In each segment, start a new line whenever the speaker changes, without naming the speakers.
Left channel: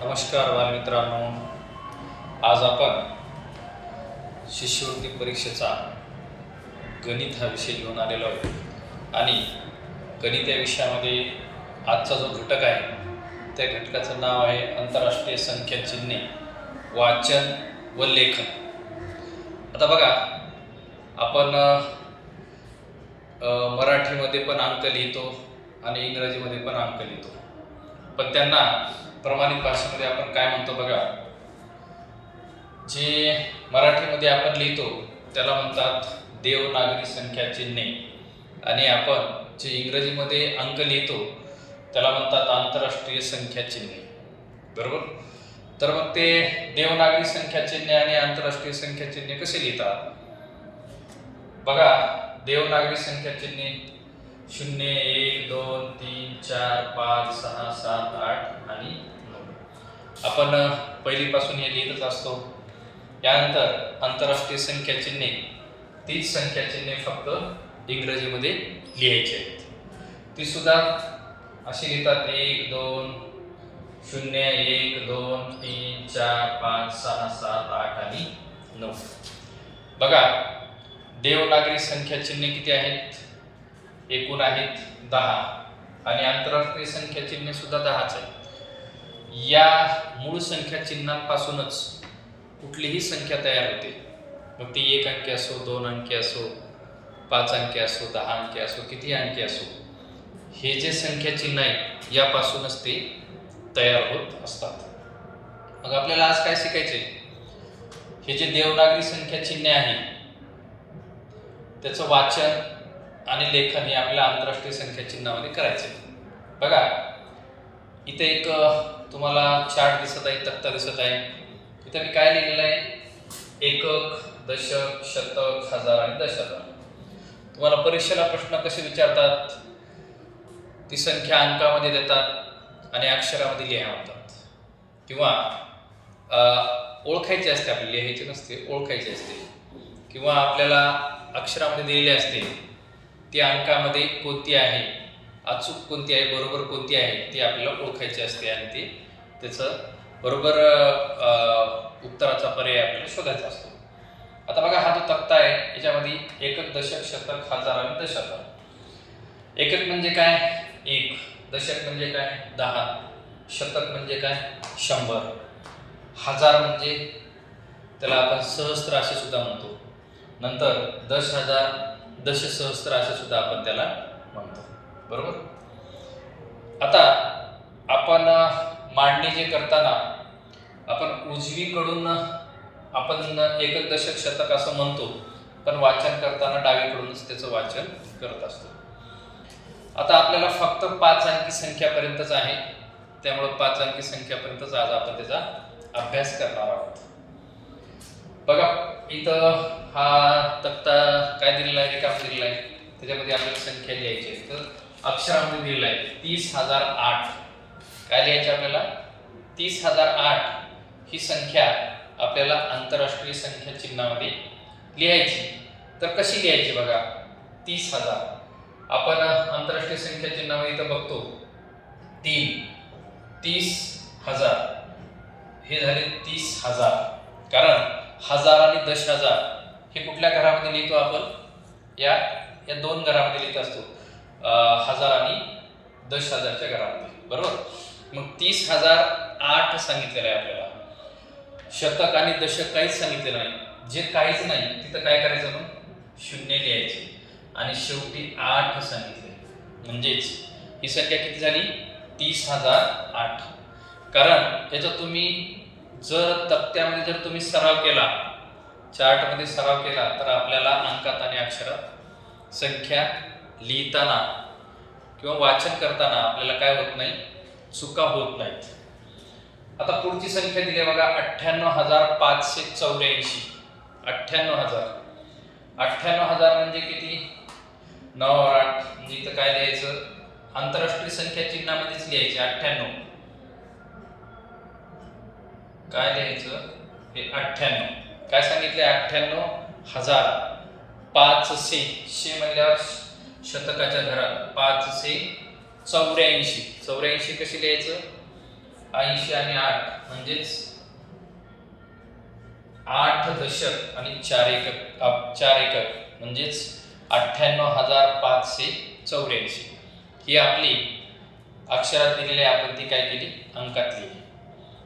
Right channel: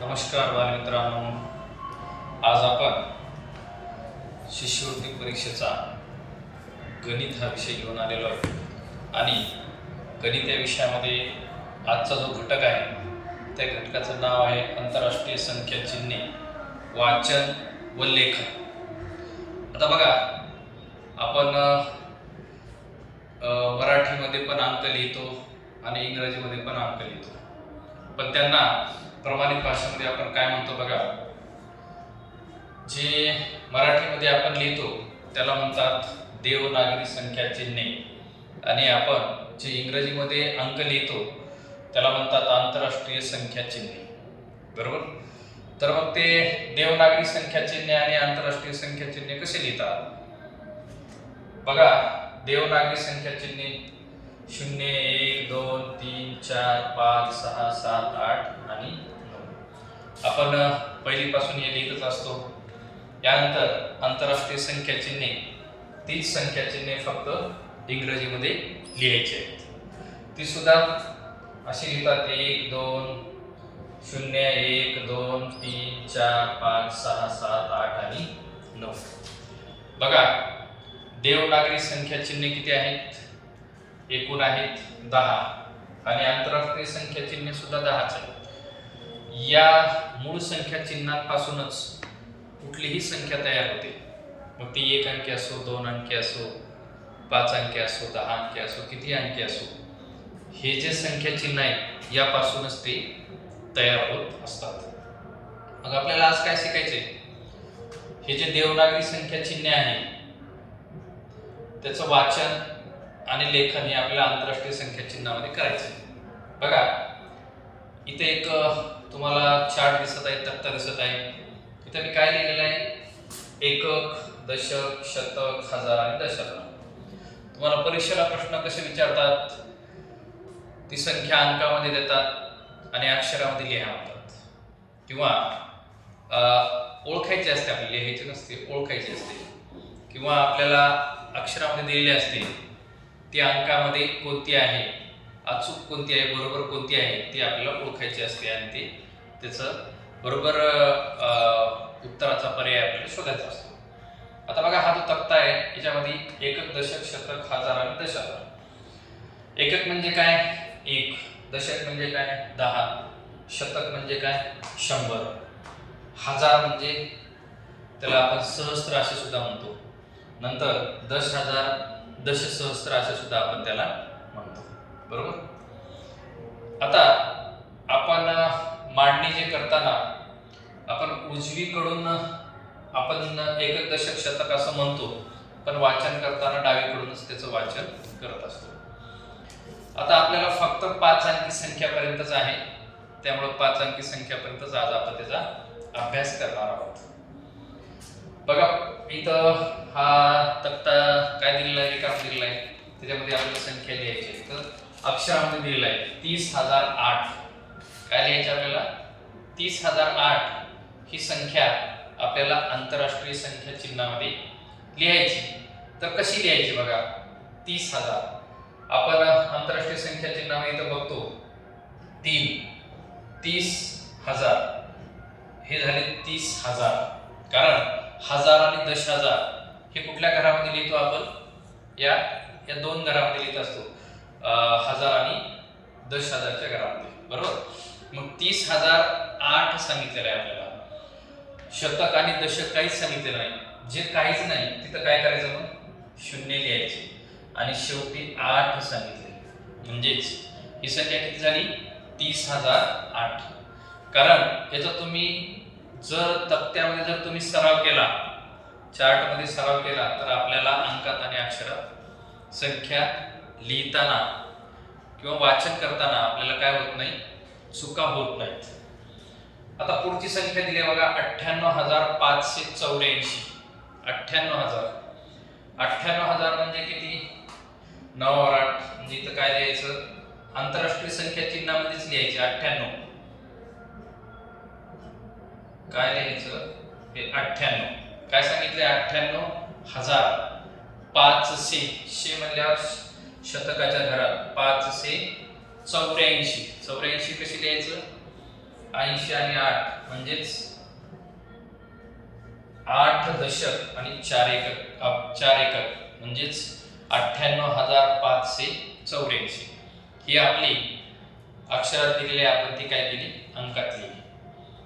नमस्कार बालमित्रांनो आज आपण शिष्यवृत्ती परीक्षेचा गणित हा विषय घेऊन आलेलो आहे आणि गणित या विषयामध्ये आजचा जो घटक आहे त्या घटकाचं नाव आहे आंतरराष्ट्रीय संख्या चिन्हे वाचन व लेखन. आता बघा आपण मराठीमध्ये पण अंक लिहितो आणि इंग्रजीमध्ये पण अंक लिहितो. पण त्यांना प्रमाणित भाषेमध्ये आपण काय म्हणतो बघा? जे मराठीमध्ये आपण लिहितो त्याला म्हणतात देवनागरी संख्या चिन्हे आणि आपण जे इंग्रजीमध्ये अंक लिहितो त्याला म्हणतात आंतरराष्ट्रीय संख्या चिन्हे बरोबर? तर मग ते देवनागरी संख्या चिन्हे आणि आंतरराष्ट्रीय संख्या चिन्हे कसे लिहितात? बघा देवनागरी संख्या चिन्हे शून्य एक दोन तीन चार पाच सहा सात आठ आणि नऊ. आपण पहिलीपासून हे लिहितच असतो. यानंतर आंतरराष्ट्रीय संख्या चिन्हे तीच संख्या चिन्हे फक्त इंग्रजीमध्ये लिहायची आहेत. ती सुद्धा अशी लिहितात एक दोन शून्य एक दोन तीन चार पाच सहा सात आठ आणि नऊ. बघा देवनागरी संख्या चिन्हे किती आहेत? एकूण आहेत दहा. आणि आंतरराष्ट्रीय संख्या चिन्हे सुद्धा दहाच आहेत. या मूळ संख्या चिन्हांपासूनच कुठलीही संख्या तयार होते. मग ती एक अंकी असो दोन अंकी असो पाच अंकी असो दहा अंकी असो किती अंकी असो हे जे संख्या चिन्ह आहे यापासूनच ते तयार होत असतात. मग आपल्याला आज काय शिकायचे? हे जे देवनागरी संख्या चिन्ह आहे त्याचं वाचन आणि लेखन हे आपल्या आंतरराष्ट्रीय संख्या चिन्हामध्ये करायचे. बघा इथे एक तुम्हाला चार्ट दिसत आहे तक्ता दिसत आहे. इथे मी काय लिहिलेलं आहे? एकक दशक शतक हजार आणि दशक तुम्हाला परीक्षेला प्रश्न कसे विचारतात? ती संख्या अंकामध्ये देतात आणि अक्षरामध्ये लिहा म्हणतात. किंवा ओळखायची असते आपली लिहायची नसते ओळखायची असते. किंवा आपल्याला अक्षरामध्ये दिलेली असते. ती अंकामध्ये कोणती आहे? अचूक कोणती आहे? बरोबर कोणती आहे? ती आपल्याला ओळखायची असते आणि ती त्याचं बरोबर उत्तराचा पर्याय आपल्याला शोधायचा असतो. आता बघा हा जो तक्ता आहे याच्यामध्ये एकक दशक शतक हजार आणि दशक. एकक म्हणजे काय? एक. दशक म्हणजे काय? दहा. शतक म्हणजे काय? शंभर. हजार म्हणजे त्याला आपण सहस्त्र असे सुद्धा म्हणतो. नंतर दश हजार दश सहस्त्र असे सुद्धा आपण त्याला म्हणतो. बरोबर? आता आपण मांडणी जे करताना आपण उजवीकडून आपण एक दशक शतक असं म्हणतो पण वाचन करताना डावीकडूनच त्याचं वाचन करत असतो. आता आपल्याला फक्त पाच अंकी संख्यापर्यंतच आहे. त्यामुळं पाच अंकी संख्यापर्यंतच आज आपण त्याचा अभ्यास करणार आहोत. बघा इथं हा तक्ता काय दिलेला आहे? काम दिलेला आहे. त्याच्यामध्ये आपल्याला संख्या लिहायची आहे तर अक्षरामध्ये दिलेला आहे. तीस हजार आठ. काय लिहायचं आपल्याला? तीस हजार आठ ही संख्या आपल्याला आंतरराष्ट्रीय संख्या चिन्हामध्ये लिहायची. तर कशी लिहायची बघा? तीस हजार. आपण आंतरराष्ट्रीय संख्या चिन्हामध्ये इथं बघतो. तीन. तीस हजार. हे झाले तीस हजार. कारण हजार आणि दश हजार हे कुठल्या घरामध्ये लिहितो आपण? या या दोन घरामध्ये लिहित असतो. हजार आणि दश हजारच्या घरामध्ये. बरोबर? मग तीस हजार आठ सांगितलेलं आहे आपल्याला. शतक आणि दशक काहीच सांगितलेलं नाही. जे काहीच नाही तिथं काय करायचं मग शून्य लिहायचे. आणि शेवटी आठ सांगितले. म्हणजेच ही संख्या किती झाली? तीस हजार आठ. कारण याचा तुम्ही जर तक्त्यामध्ये जर तुम्ही सराव केला चार्टमध्ये सराव केला तर आपल्याला अंकात आणि अक्षरात संख्या लिहिताना किंवा वाचन करताना आपल्याला काय होत नाही? चुका होत नाहीत. आता पुढची संख्या दिली आहे बघा अठ्ठ्याण्णव हजार पाचशे चौऱ्याऐंशी. अठ्ठ्याण्णव हजार. अठ्ठ्याण्णव हजार म्हणजे किती? नऊ आठ. म्हणजे इथं काय लिहायचं? आंतरराष्ट्रीय संख्या चिन्हामध्येच लिहायची अठ्ठ्याण्णव. काय लिहायचं? हे अठ्ठ्याण्णव. काय सांगितलं अठ्ठ्याण्णव हजार पाचशे शे म्हणल्यावर शतकाच्या घरात पाचशे चौऱ्याऐंशी. चौऱ्याऐंशी कशी लिहायचं? ऐंशी आणि आठ म्हणजेच आठ दशक आणि चार एकक चार एकक म्हणजेच अठ्ठ्याण्णव हजार पाचशे चौऱ्याऐंशी. ही आपली अक्षरात दिलेली आपण ती काय केली? अंकात लिहिली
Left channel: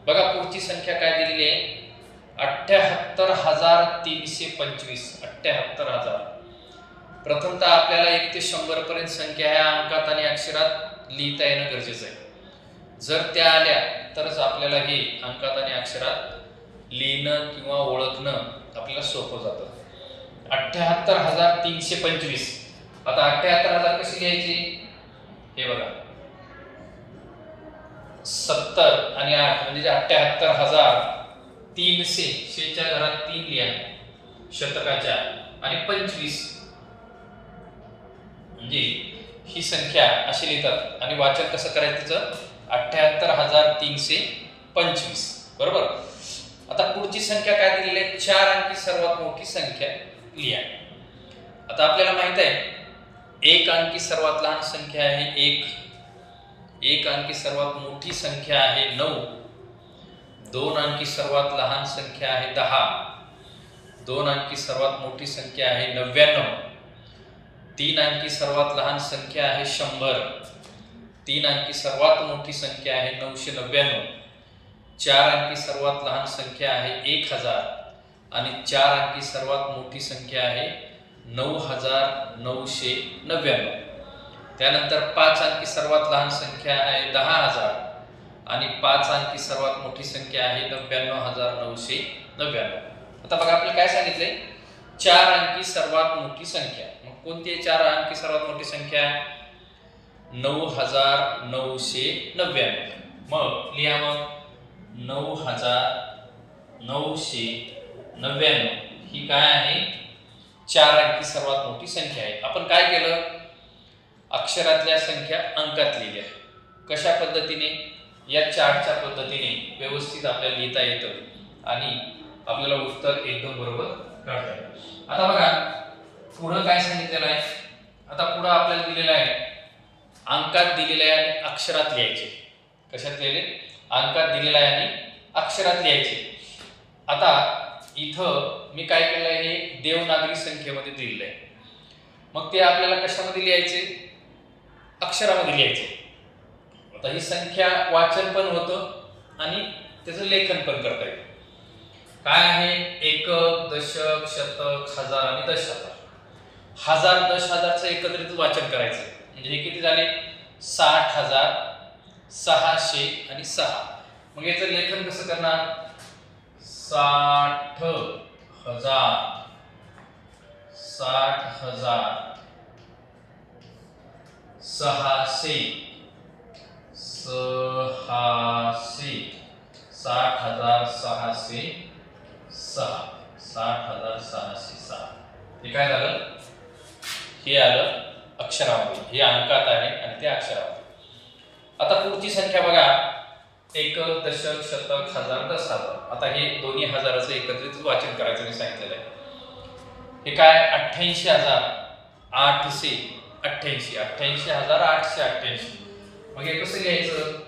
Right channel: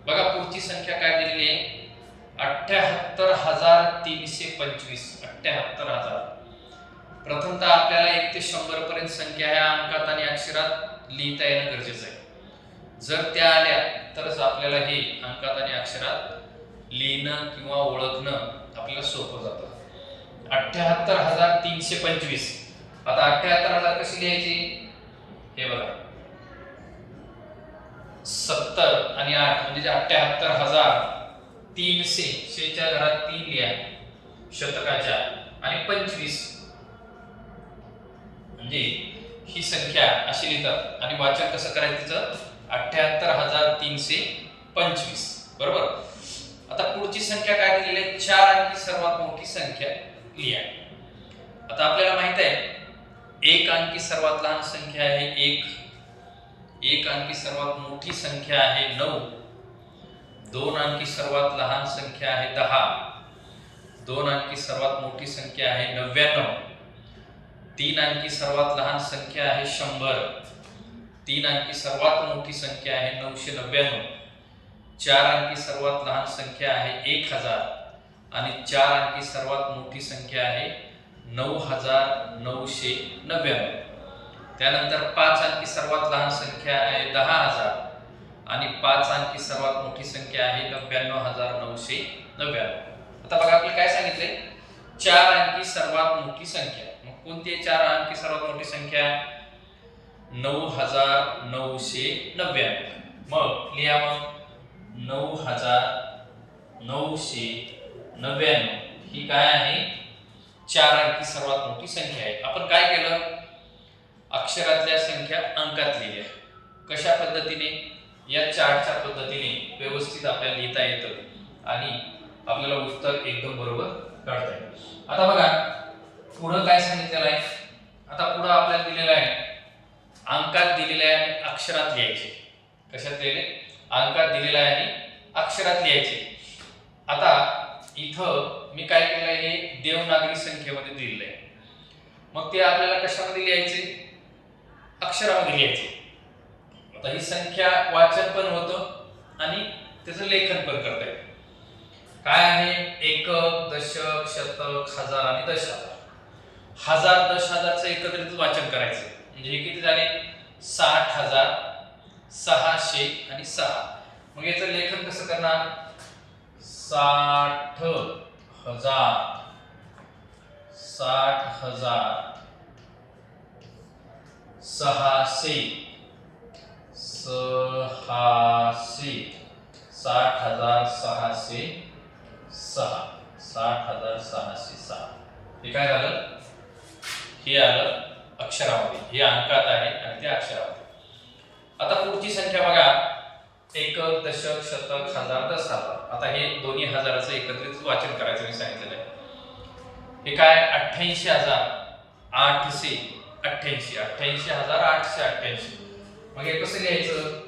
बघा पुढची संख्या काय दिलेली आहे? अठ्ठ्याहत्तर हजार तीनशे पंचवीस. अठ्ठ्याहत्तर हजार. प्रथमतः आपल्याला एक ते शंभर पर्यंत संख्या ह्या अंकात आणि अक्षरात लिहिता येणं गरजेचं आहे. जर त्या आल्या तरच आपल्याला हे अंकात आणि अक्षरात लिहिणं किंवा ओळखणं आपल्याला सोपं जातं. अठ्ठ्याहत्तर हजार तीनशे पंचवीस. आता अठ्ठ्याहत्तर हजार कशी घ्यायची? हे बघा. सत्तर आणि आठ म्हणजे अठ्ठ्याहत्तर हजार तीनशे शेच्या घरात तीन लिहा शतकाच्या. आणि पंचवीस. म्हणजे ही संख्या अशी लिहितात. आणि वाचन कसं करायचं तिचं? अठ्ठ्याहत्तर हजार तीनशे पंचवीस. बरोबर? आता पुढची संख्या काय दिलेली आहे? चार अंकी सर्वात मोठी संख्या लिहा. आता आपल्याला माहीत आहे एक अंकी सर्वात लहान संख्या आहे एक. एक अंकी सर्वात मोठी संख्या आहे नऊ. दोन अंकी सर्वात लहान संख्या आहे दहा. दोन अंकी सर्वात मोठी संख्या आहे नव्याण्णव. तीन अंकी सर्वात लहान संख्या आहे शंभर. तीन अंकी सर्वात मोठी संख्या आहे नऊशे नव्याण्णव. चार अंकी सर्वात लहान संख्या आहे एक हजार. आणि चार अंकी सर्वात मोठी संख्या आहे नऊ हजार नऊशे नव्याण्णव. त्यानंतर पाच अंकी सर्वात लहान संख्या आहे दहा हजार. आणि पाच अंकी सर्वात मोठी संख्या आहे नव्याण्णव हजार नऊशे नव्याण्णव. आता बघा आपल्याला काय सांगितलंय? चार अंकी सर्वात मोठी संख्या. मग कोणती आहे चार अंकी सर्वात मोठी संख्या? आहे नऊ हजार नऊशे नव्याण्णव. मग लिहा मग. नऊ हजार नऊशे नव्याण्णव. ही काय आहे? चार अंकी सर्वात मोठी संख्या आहे. आपण काय केलं? अक्षरातल्या संख्या अंकात लिहिल्या कशा पद्धतीने? या चार्टच्या पद्धतीने व्यवस्थित आपल्याला लिहिता येतं आणि आपल्याला उत्तर एकदम बरोबर काढता आता बघा पुढं काय सांगितलेलं आहे? आता पुढं आपल्याला दिलेलं आहे अंकात दिलेलं आहे आणि अक्षरात लिहायचे. कशात लिहिले? अंकात दिलेलं आहे आणि अक्षरात लिहायचे. आता इथं मी काय केलं आहे हे देवनागरी संख्येमध्ये दिलेलं आहे मग ते आपल्याला कशामध्ये लिहायचे? अक्षरामध्ये लिहायचे. आता ही संख्या वाचन पण होतं आणि त्याचं लेखन पण करता येतं. काय आहे? एकक दशक शतक हजार आणि दश हजार हजार दश हजारचं एकत्रित वाचन करायचं. म्हणजे हे किती झाले? साठ हजार सहाशे आणि सहा. मग याचं लेखन कसं करणार? साठ हजार. साठ हजार. सहाशे सहाशे साठ हजार सहाशे सहा. साठ हजार सहाशे सहा. हे काय झालं? हे आलं अक्षरामध्ये. हे अंकात आहे आणि ते अक्षरामध्ये. आता पुढची संख्या बघा. एकक दशक शतक हजार दस हजार आता हे दोन्ही हजाराचं एकत्रित वाचन करायचं मी सांगितलेलं आहे. हे काय? अठ्ठ्याऐंशी हजार आठशे. अठ्ठ्याऐंशी अठ्ठ्याऐंशी हजार आठशे अठ्ठ्याऐंशी. मग हे कसं घ्यायचं?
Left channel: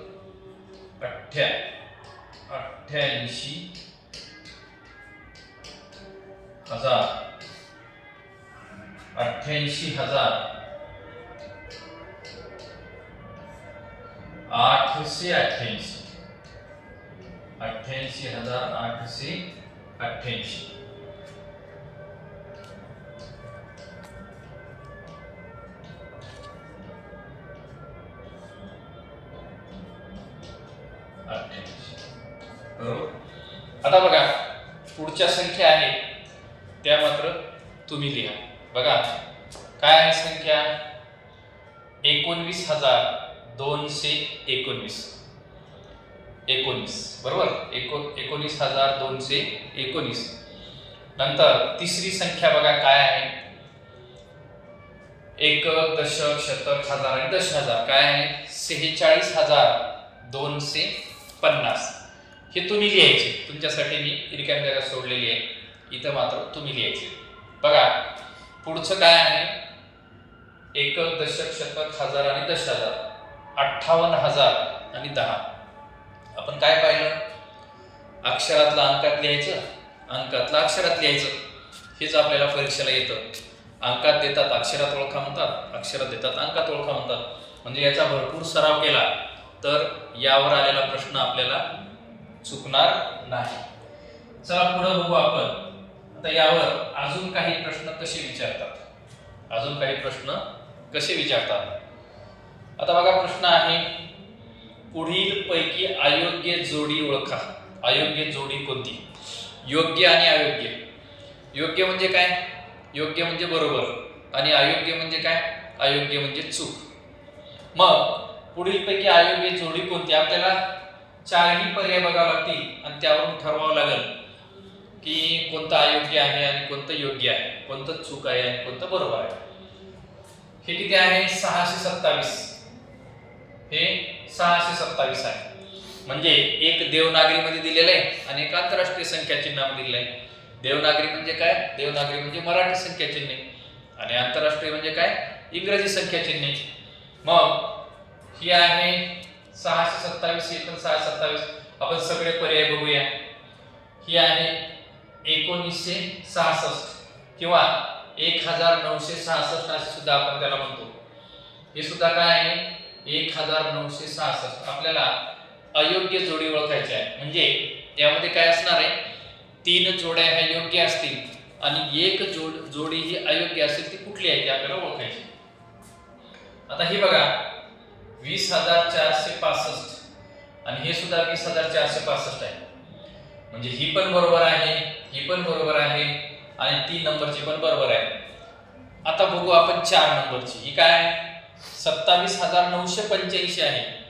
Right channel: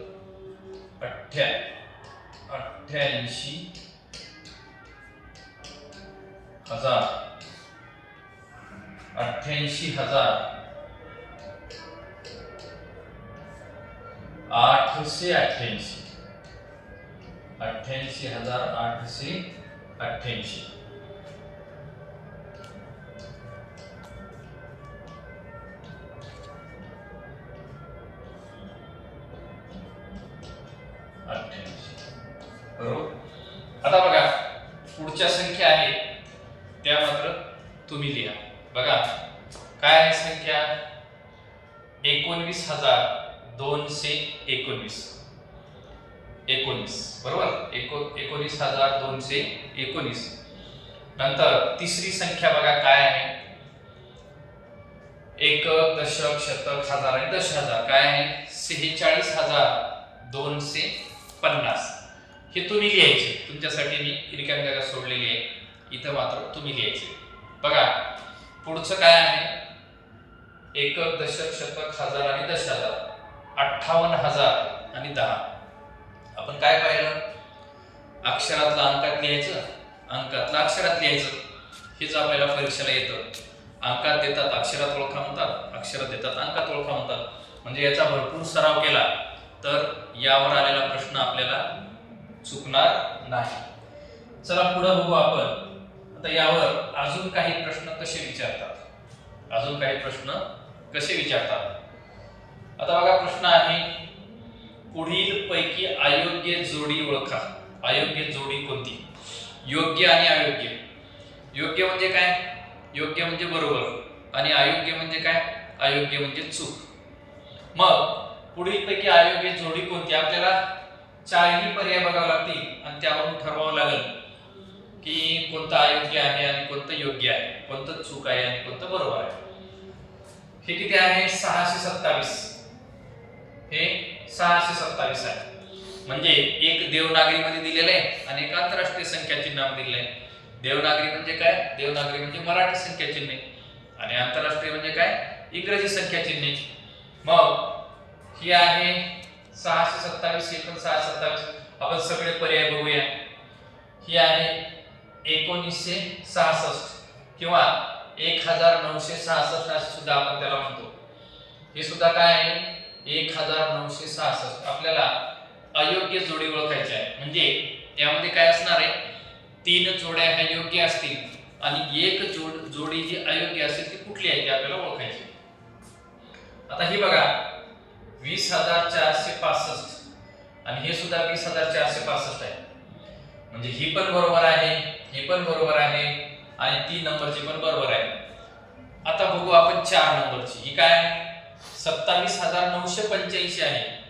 अठ्ठ्या अठ्ठ्याऐंशी हजार अठ्ठ्याऐंशी हजार आठशे अठ्ठ्याऐंशी. अठ्ठ्याऐंशी हजार आठशे अठ्ठ्याऐंशी. अठ्ठ्याऐंशी बरोबर आता बघा पुढच्या संख्या आहे. त्या मात्र तुम्ही लिहा. बघा काय आहे संख्या? एकोणवीस हजार दोनशे एकोणवीस. एकोणीस बरोबर? एको एकोणीस हजार दोनशे एकोणीस नंतर तिसरी संख्या बघा काय आहे? एक दशक शतक हजार आणि दश हजार काय आहे? सेहेचाळीस हजार दोनशे पन्नास. हे तुम्ही लिहायचे तुमच्यासाठी मी रिकाम जागा सोडलेली आहे. इथं मात्र तुम्ही लिहायचे बघा पुढचं काय आहे? एकक दशक शतक हजार आणि दश हजार अठ्ठावन्न हजार आणि दहा. आपण काय पाहिलं? अक्षरातला अंकात लिहायचं? अंकातला अक्षरात लिहायचं. हेच आपल्याला परीक्षेला येतं. अंकात देतात अक्षरात ओळखा म्हणतात. अक्षरात देतात अंकात ओळखा म्हणतात. म्हणजे याचा भरपूर सराव केला. तर यावर आलेला प्रश्न आपल्याला चुकणार नाही. चला पुढे बघू आपण. आता यावर अजून काही प्रश्न कसे विचारतात? अजून काही प्रश्न कसे विचारतात? आता बघा प्रश्न आहे पुढील पैकी अयोग्य जोडी ओळखा. अयोग्य जोडी कोणती? योग्य आणि अयोग्य. योग्य म्हणजे काय? योग्य म्हणजे बरोबर आणि अयोग्य म्हणजे काय? अयोग्य म्हणजे चूक. मग पुढील पैकी अयोग्य जोडी कोणती? आपल्याला चारही पर्याय बघावे लागतील आणि त्यावरून ठरवावं लागेल की कोणतं अयोग्य आहे आणि कोणतं योग्य आहे कोणतं चूक आहे आणि कोणतं बरोबर आहे. हे किती आहे? सहाशे सत्तावीस. हे सहाशे सत्तावीस आहे. म्हणजे एक देवनागरीमध्ये दिलेलं आहे आणि एक आंतरराष्ट्रीय संख्या चिन्हामध्ये दिलेलं आहे. देवनागरी म्हणजे काय? देवनागरी म्हणजे मराठी संख्या चिन्हे. आणि आंतरराष्ट्रीय म्हणजे काय? इंग्रजी संख्या चिन्हे. मग ही आहे सहाशे सत्तावीस एकूण सहाशे सत्तावीस. आपण सगळे पर्याय बघूया. ही आहे एकोणीसशे सहासष्ट किंवा एक हजार नऊशे सहासष्ट असे सुद्धा आपण त्याला म्हणतो. हे सुद्धा काय आहे? एक हजार नऊशे सहासष्ट. आपल्याला अयोग्य जोडी ओळखायची आहे. म्हणजे यामध्ये काय असणार आहे? तीन जोड्या ह्या योग्य असतील आणि एक जोड जोडी जी अयोग्य असेल ती कुठली आहे ती आपल्याला ओळखायची आता ही बघा. वीस हजार चारशे पासष्ट. आणि हे सुद्धा वीस हजार चारशे पासष्ट आहे. म्हणजे ही पण बरोबर आहे ही पण बरोबर आहे आणि तीन नंबरची पण बरोबर आहे. आता बघू आपण चार नंबरची. ही काय आहे? सत्तावीस हजार नऊशे पंच्याऐंशी आहे.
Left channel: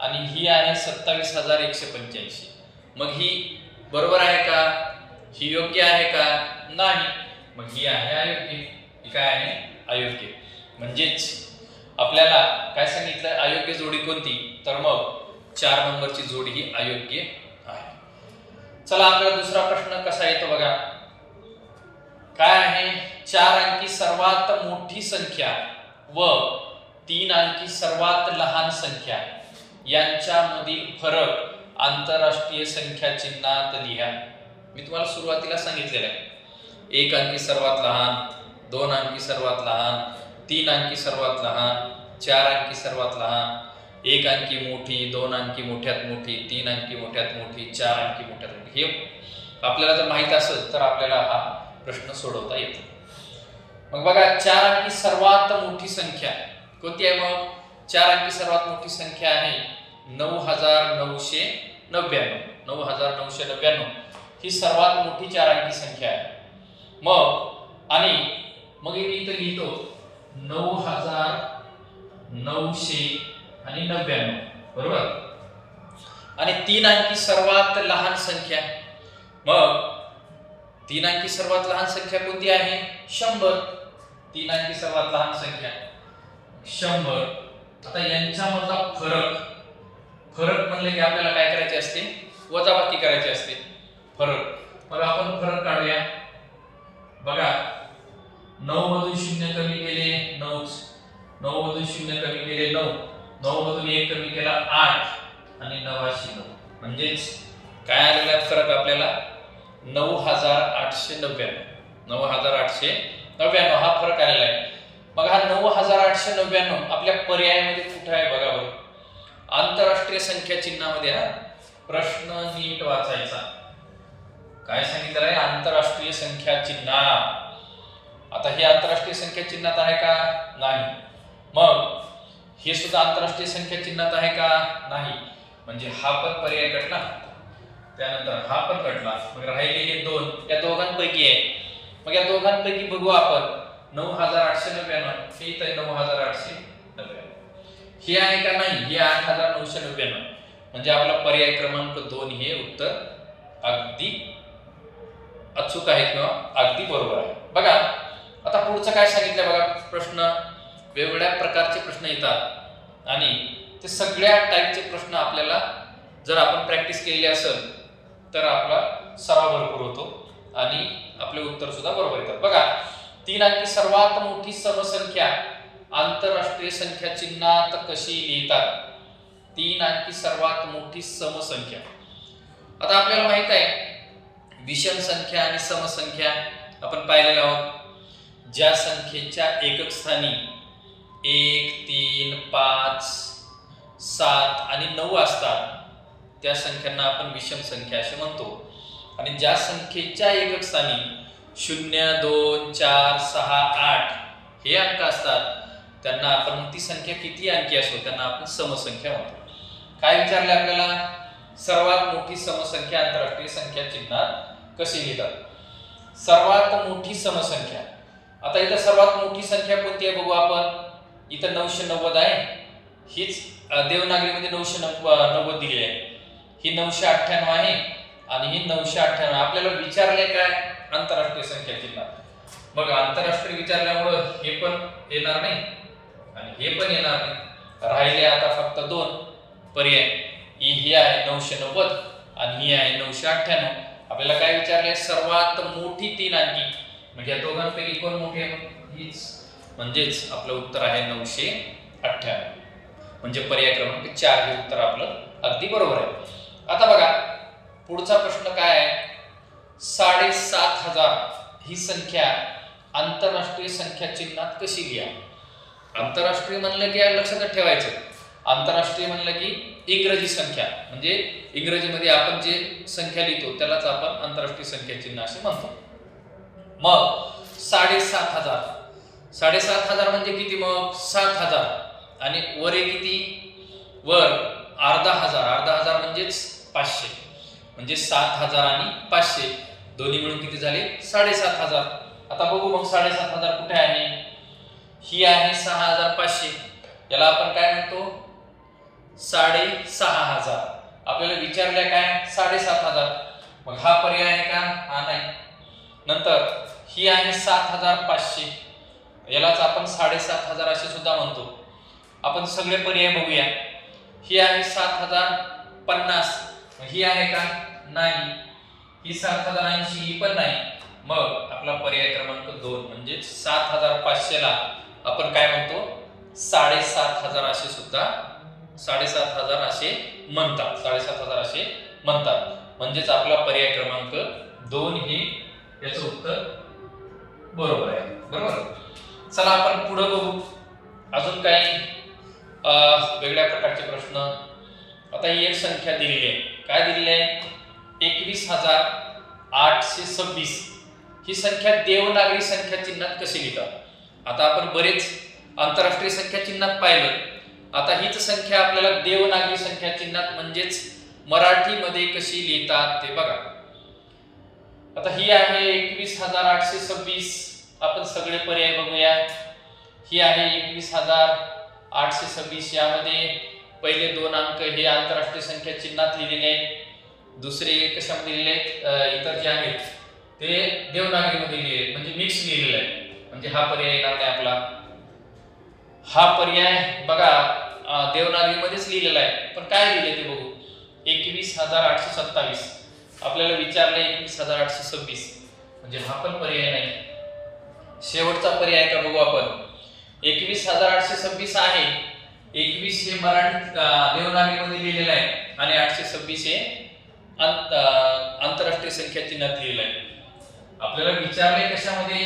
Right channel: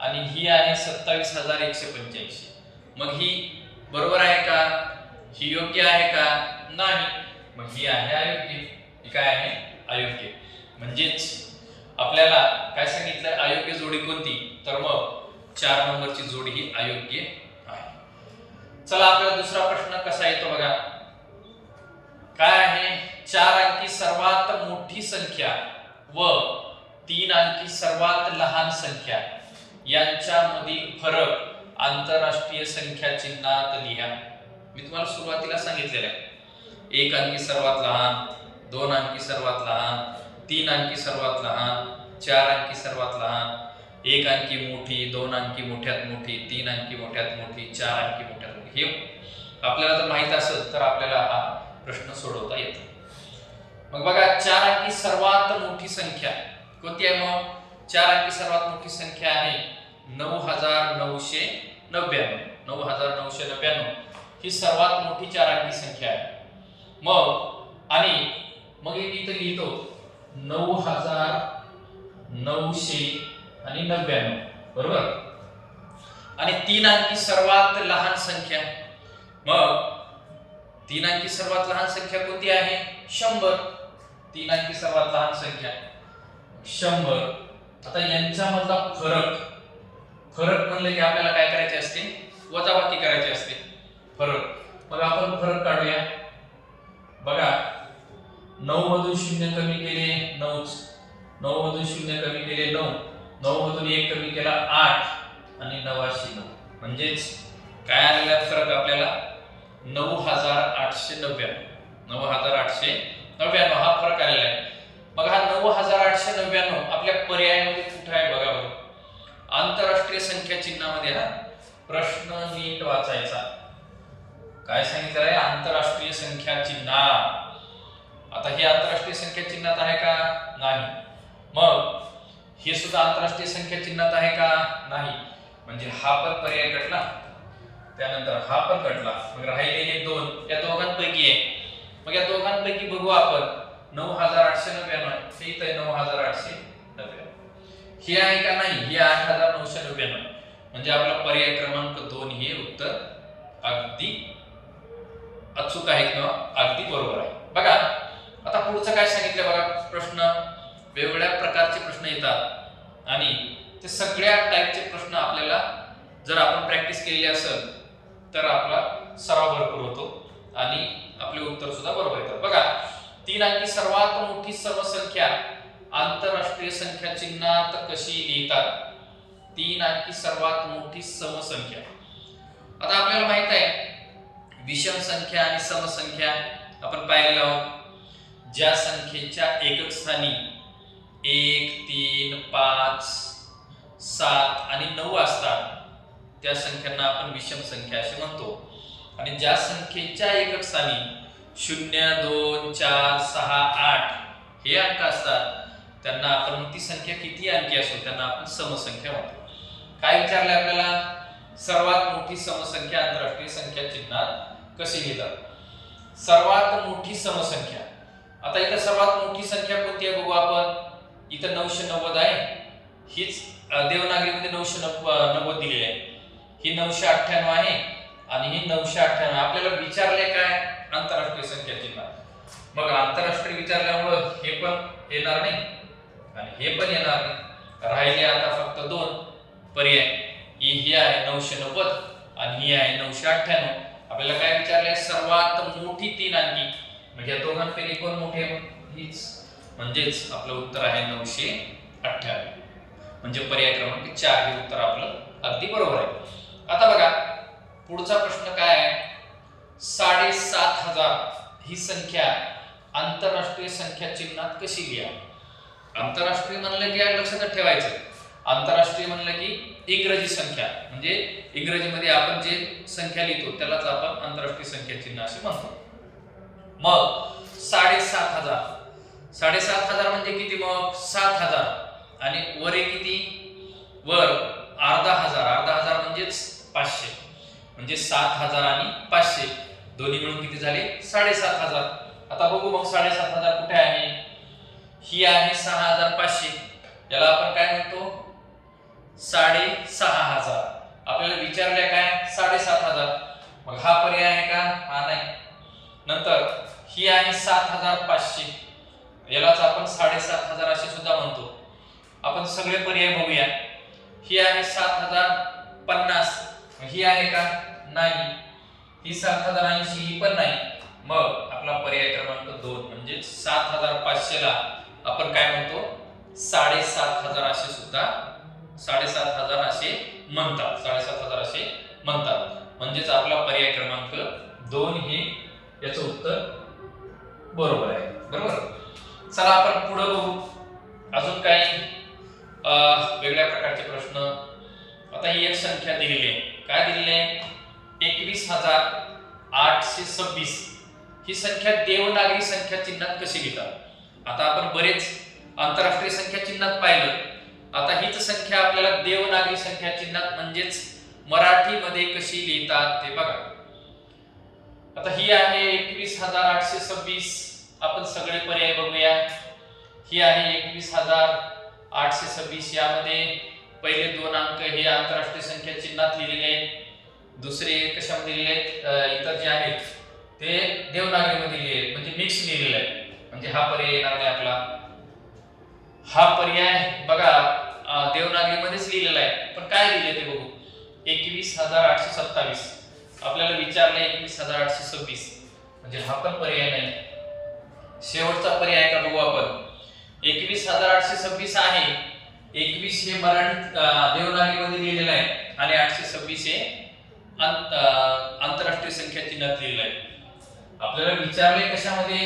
आणि ही आहे सत्तावीस हजार एकशे पंच्याऐंशी. मग ही बरोबर आहे का? ही योग्य आहे का? नाही. मग ही आहे अयोग्य. ही काय आहे? अयोग्य. म्हणजेच आपल्याला काय सांगितलं? अयोग्य जोडी कोणती? तर मग चार नंबरची जोडी ही अयोग्य आहे. चला आपला दुसरा प्रश्न कसा येतो बघा? काय आहे? चार अंकी सर्वात मोठी संख्या व तीन अंकी सर्वात लहान संख्या. यांच्यामधील फरक आंतरराष्ट्रीय संख्या चिन्हात लिहा. मी तुम्हाला सुरुवातीला सांगितलेलं आहे. एक अंकी सर्वात लहान दोन अंकी सर्वात लहान तीन अंकी सर्वात लहान चार अंकी सर्वात लहान एक अंकी मोठी दोन अंकी मोठ्यात मोठी तीन अंकी मोठ्यात मोठी चार अंकी मोठ्यात मोठी. हे आपल्याला जर माहीत असेल तर आपल्याला हा प्रश्न सोडवता येतो. मग बघा चार अंकी सर्वात मोठी संख्या कोणती आहे मग? चार अंकी सर्वात मोठी संख्या आहे नऊ हजार नऊशे नव्याण्णव. नऊ हजार नऊशे नव्याण्णव ही सर्वात मोठी चार अंकी संख्या आहे. मग आणि मग मी इथं लिहितो. नऊ हजार नऊशे आणि नव्याण्णव. बरोबर? आणि तीन अंकी सर्वात लहान संख्या. मग तीन अंकी सर्वात लहान संख्या कोणती आहे? शंभर. तीन अंकी सर्वात लहान संख्या. शंभर. आता यांच्यामधला फरक. फरक म्हणले की आपल्याला काय करायचे असते? वजाबाकी करायची असते. फरक. मग आपण फरक काढूया. बघा. नऊ मधून शून्य कमी केले नऊच. नऊ मधून शून्य कमी केले नऊ. नऊ मधून एक कमी केला आठ. आणि नवाशे नऊ. म्हणजेच काय आलेला फरक आपल्याला? नऊ हजार आठशे नव्याण्णव. नऊ हजार आठशे नव्याण्णव. हा फरक आलेला आहे. मग हा नऊ हजार आठशे नव्याण्णव आपल्या पर्यायामध्ये कुठे आहे बघा बरं. आंतरराष्ट्रीय संख्या चिन्हामध्ये हा प्रश्न नीट वाचायचा. काय सांगितलं आहे? आंतरराष्ट्रीय संख्या चिन्ह. आता हे आंतरराष्ट्रीय संख्या चिन्हात आहे का? नाही. मग हे सुद्धा आंतरराष्ट्रीय संख्या चिन्हात आहे का? नाही. म्हणजे हा पण पर्याय कटला. त्यानंतर हा पण कटला. मग राहिले हे दोन. या दोघांपैकी आहे मग या दोघांपैकी बघू आपण. नऊ हजार आठशे नव्याण्णव हे इथं आहे नऊ हजार आठशे नव्याण्णव हे आहे का नाही? हे आठ हजार नऊशे नव्याण्णव म्हणजे आपला पर्याय क्रमांक दोन हे उत्तर अगदी अचूक आहे किंवा अगदी बरोबर आहे. बघा. आता पुढचं काय सांगितलं बघा प्रश्न. वेगवेगळ्या प्रकारचे प्रश्न येतात. आणि ते सगळ्या टाईपचे प्रश्न आपल्याला जर आपण प्रॅक्टिस केली असेल तर आपला सराव भरपूर होतो. आणि आपले उत्तर सुद्धा बरोबर येतात. बघा तीन अंकी सर्वात मोठी सर्व संख्या आंतरराष्ट्रीय संख्या चिन्हात कशी लिहितात? तीन अंकी सर्वात मोठी समसंख्या. आता आपल्याला माहीत आहे विषम संख्या आणि समसंख्या आपण पाहिलेलो आहोत. ज्या संख्येच्या एकक स्थानी एक तीन पाच सात आणि नऊ असतात त्या संख्यांना आपण विषम संख्या असे म्हणतो. आणि ज्या संख्येच्या एकक स्थानी शून्य दोन चार सहा आठ हे अंक असतात त्यांना आपण ती संख्या किती अंकी असो त्यांना आपण समसंख्या म्हणतो. काय विचारलं आपल्याला? सर्वात मोठी समसंख्या आंतरराष्ट्रीय संख्या चिन्हात कशी लिहितात? सर्वात मोठी समसंख्या. आता इथं सर्वात मोठी संख्या कोणती आहे बघू आपण? इथं नऊशे नव्वद आहे. हीच देवनागरीमध्ये नऊशे नव्व नव्वद दिली आहे. ही नऊशे अठ्ठ्याण्णव आहे आणि ही नऊशे अठ्ठ्याण्णव. आपल्याला विचारले काय? आंतरराष्ट्रीय संख्या जिल्हा मग आंतरराष्ट्रीय विचारल्यामुळं हे पण येणार नाही आणि हे पण येणार नाही. राहिले आता फक्त दोन पर्याय. ही ही आहे नऊशे नव्वद आणि ही आहे नऊशे अठ्ठ्याण्णव. आपल्याला काय विचारले सर्वात मोठी तीन अंकी. म्हणजे या दोघांपैकी कोण मोठी आहे? हीच म्हणजेच आपलं उत्तर आहे नऊशे अठ्ठ्याण्णव म्हणजे पर्याय क्रमांक चार हे उत्तर आपलं अगदी बरोबर आहे. आता बघा पुढचा प्रश्न काय आहे? साडेसात हजार ही संख्या आंतरराष्ट्रीय संख्या चिन्हात कशी लिहा? आंतरराष्ट्रीय म्हणलं की या लक्षात ठेवायचं. आंतरराष्ट्रीय म्हणलं की इंग्रजी संख्या. म्हणजे इंग्रजीमध्ये आपण जे संख्या लिहितो त्यालाच आपण आंतरराष्ट्रीय संख्या चिन्ह असे म्हणतो. मग साडेसात हजार. साडेसात हजार म्हणजे किती मग? सात हजार. आणि वर किती? वर अर्धा हजार. अर्धा हजार म्हणजेच पाचशे. म्हणजे सात हजार आणि पाचशे. दोन्ही मिळून किती झाले? साडेसात हजार. आता बघू मग साडेसात हजार कुठे आहे? ही आहे सहा हजार पाचशे. याला आपण काय म्हणतो? साडे सहा हजार. आपल्याला विचारले काय? साडेसात हजार. मग हा पर्याय आहे का? हा नाही. नंतर ही आहे सात हजार पाचशे यालाच आपण साडेसात हजार असे सुद्धा म्हणतो. आपण सगळे पर्याय बघूया. ही आहे सात हजार पन्नास ही आहे का? नाही. ही सात हजार ऐंशी ही पण नाही. मग आपला पर्याय क्रमांक दोन म्हणजे सात हजार पाचशेला आपण काय म्हणतो? साडेसात हजार असे सुद्धा साडेसात हजार असे म्हणतात. साडेसात हजार असे म्हणतात. म्हणजेच आपला पर्याय क्रमांक दोन ही याचं उत्तर बरोबर आहे. बरोबर? चला आपण पुढं बघू. अजून काही वेगळ्या प्रकारचे प्रश्न. आता ही एक संख्या दिलेली आहे. काय दिलेली आहे? एकवीस हजार आठशे सव्वीस. ही संख्या देवनागरी संख्या चिन्हात कशी लिहितात? आता आपण बरेच आंतरराष्ट्रीय संख्या चिन्हात पाहिलं. आता हीच संख्या आपल्याला देवनागरी संख्या चिन्हात म्हणजेच मराठीमध्ये कशी लिहितात ते बघा. आता ही आहे एकवीस हजार आठशे सव्वीस. आपण सगळे पर्याय बघूया. ही आहे एकवीस हजार आठशे सव्वीस. यामध्ये पहिले दोन अंक हे आंतरराष्ट्रीय संख्या चिन्हात लिहिलेले आहेत. दुसरे कशामध्ये लिहिले आहेत? इतर जे आहेत ते देवनागरीमध्ये लिहिले म्हणजे मिक्स लिहिलेलं आहे. म्हणजे हा पर्याय येणार नाही आपला. हा पर्याय बघा देवनागरीमध्येच लिहिलेला आहे. पण काय लिहिले ते बघू? एकवीस हजार आठशे सत्तावीस. आपल्याला विचारलं एकवीस हजार आठशे सव्वीस. म्हणजे हा पण पर्याय नाही. शेवटचा पर्याय का बघू आपण. एकवीस हजार आठशे सव्वीस आहे. एकवीस हे मराठी देवनागरीमध्ये लिहिलेलं आहे. आणि आठशे सव्वीस हे अंत- आंतरराष्ट्रीय संख्या चिन्हात लिहिलं आहे. आपल्याला विचारले कशामध्ये?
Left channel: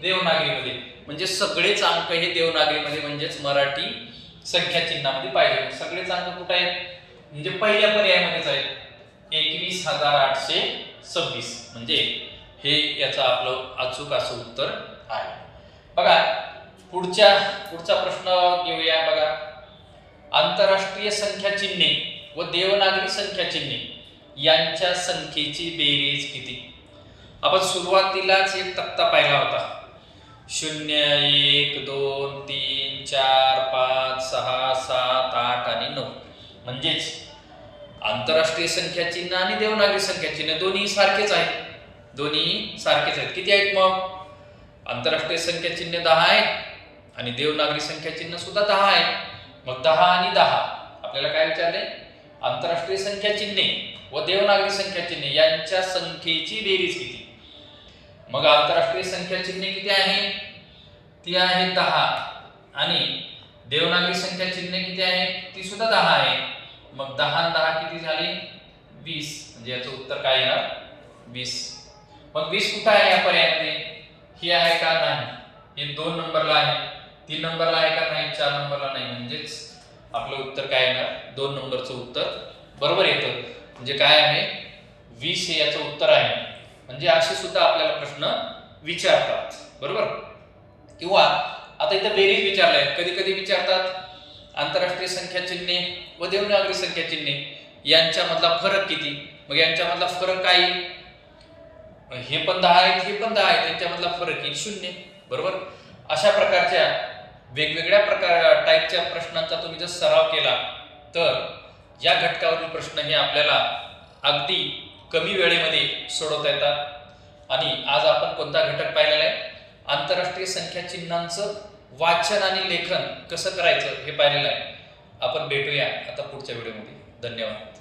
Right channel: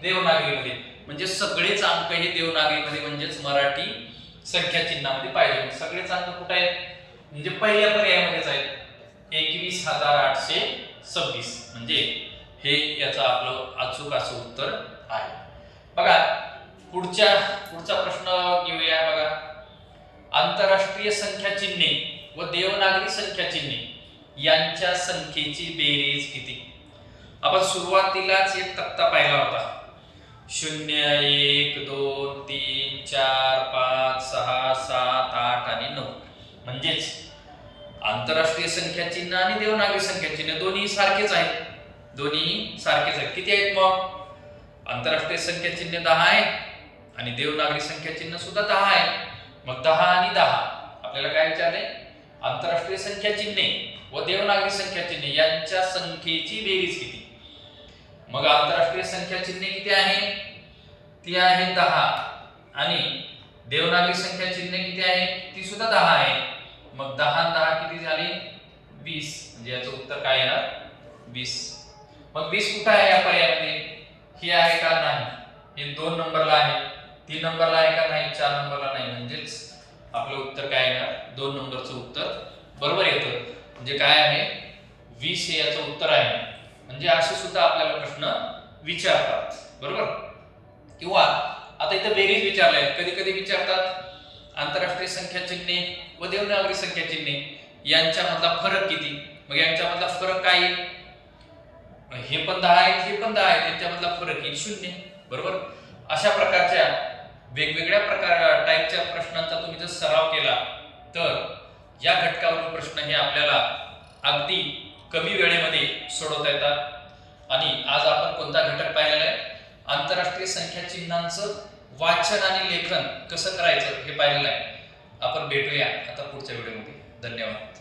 देवनागरीमध्ये. म्हणजे सगळेच अंक हे देवनागरीमध्ये म्हणजेच मराठी संख्या चिन्हामध्ये पाहिजे. सगळेच अंक कुठे आहेत? म्हणजे पहिल्या पर्यायामध्येच आहेत. एकवीस हजार आठशे सव्वीस. म्हणजे हे याचं आपलं अचूक असं उत्तर आहे. बघा पुढच्या पुढचा प्रश्न घेऊया बघा. आंतरराष्ट्रीय संख्या चिन्हे व देवनागरी संख्या चिन्हे यांच्या संख्येची बेरीज किती? आपण सुरुवातीलाच एक तक्ता पाहिला होता. शून्य एक दोन तीन चार पाच सहा सात आठ आणि नऊ. म्हणजेच आंतरराष्ट्रीय संख्या चिन्ह आणि देवनागरी संख्या चिन्ह दोन्ही सारखेच आहेत. दोन्ही सारखेच आहेत. किती आहेत मग? आंतरराष्ट्रीय संख्या चिन्ह दहा आहे आणि देवनागरी संख्या चिन्ह सुद्धा दहा आहे. मग दहा आणि दहा. आपल्याला काय विचारले आंतरराष्ट्रीय संख्या चिन्हे व देवनागरी संख्या चिन्हे यांच्या संख्येची बेरीज किती मग आंतरराष्ट्रीय संख्या चिन्हे किती आहे? ती आहे दहा. आणि देवनागरी संख्या चिन्हे किती आहे? ती सुद्धा दहा आहे. मग दहा दहा किती झाली? वीस. म्हणजे याचं उत्तर काय येणार? वीस. मग वीस कुठं आहे या पर्यायामध्ये? ही आहे का नाही? हे दोन नंबरला आहे. तीन नंबरला आहे का नाही? चार नंबरला नाही. म्हणजेच आपलं उत्तर काय येणार? दोन नंबरचं उत्तर बरोबर येतं. म्हणजे काय आहे? वीस हे याचं उत्तर आहे. म्हणजे असे सुद्धा आपल्याला प्रश्न विचारतात. बरोबर? किंवा आता इथं बेरीज विचारलंय कधी कधी विचारतात आंतरराष्ट्रीय संख्या चिन्हे व देवनागरी संख्या चिन्हे यांच्यामधला फरक किती? मग यांच्यामधला फरक काय? हे पण दहा आहे हे पण दहा आहे त्यांच्यामधला फरक आहे शून्य. बरोबर? अशा प्रकारच्या वेगवेगळ्या प्रकार टाईपच्या प्रश्नांचा तुम्ही जर सराव केला तर या घटकावरील प्रश्न हे आपल्याला अगदी कमी वेळेमध्ये सोडवता येतात. आणि आज आपण कोणता घटक पाहिलेला आहे? आंतरराष्ट्रीय संख्या चिन्हांचं वाचन आणि लेखन कसं करायचं हे पाहिलेलं आहे. आपण भेटूया आता पुढच्या व्हिडिओमध्ये. धन्यवाद.